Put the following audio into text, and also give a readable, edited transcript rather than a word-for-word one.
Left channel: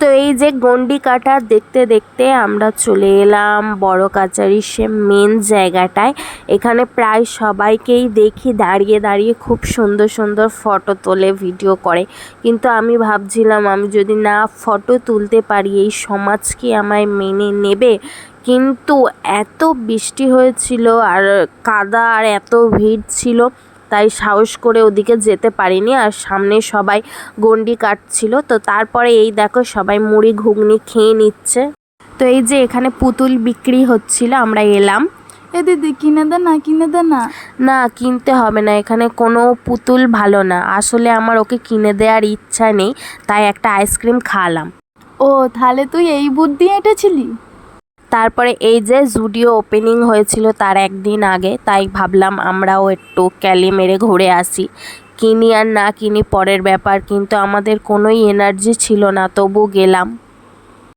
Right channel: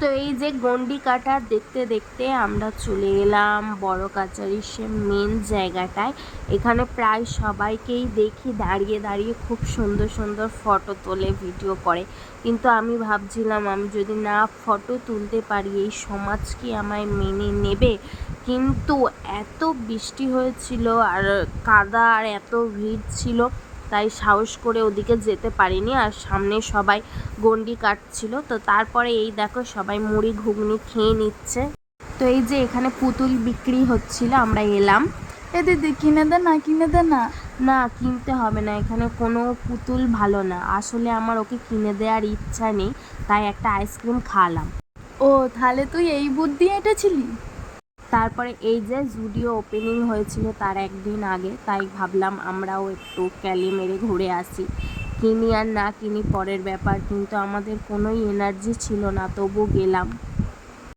তো এই যে গন্ডি কাটা দেখতে দেখতে আমরা চলে এলাম বড় কাচারির সে মেন জায়গাটায়। এখানে প্রায় সবাইকেই দেখি দাঁড়িয়ে দাঁড়িয়ে খুব সুন্দর সুন্দর ফটো তোলে, ভিডিও করে। কিন্তু আমি ভাবছিলাম আমি যদি না ফটো তুলতে পারি এই সমাজ কি আমায় মেনে নেবে। কিন্তু এত বৃষ্টি হয়েছিল আর কাদা আর এত ভিড় ছিল, তাই সাহস করে ওদিকে যেতে পারিনি। আর সামনে সবাই গন্ডি কাটছিল। তো তারপরে এই দেখো সবাই মুড়ি ঘুগনি খেয়ে নিচ্ছে। তো এই যে এখানে পুতুল বিক্রি হচ্ছিল, আমরা এলাম। এ দিদি কিনে দে না, কিনে দে না। না, কিনতে হবে না, এখানে কোনো পুতুল ভালো না। আসলে আমার ওকে কিনে দেওয়ার ইচ্ছা নেই, তাই একটা আইসক্রিম খাওয়ালাম। ও তাহলে তুই এই বুদ্ধি এঁটেছিলি। তারপরে এই যে জুডিও ওপেনিং হয়েছিল তার একদিন আগে, তাই ভাবলাম আমরাও একটু ক্যালি মেরে ঘুরে আসি। কিনি আর না কিনি পরের ব্যাপার, কিন্তু আমাদের কোনোই এনার্জি ছিল না, তবু গেলাম।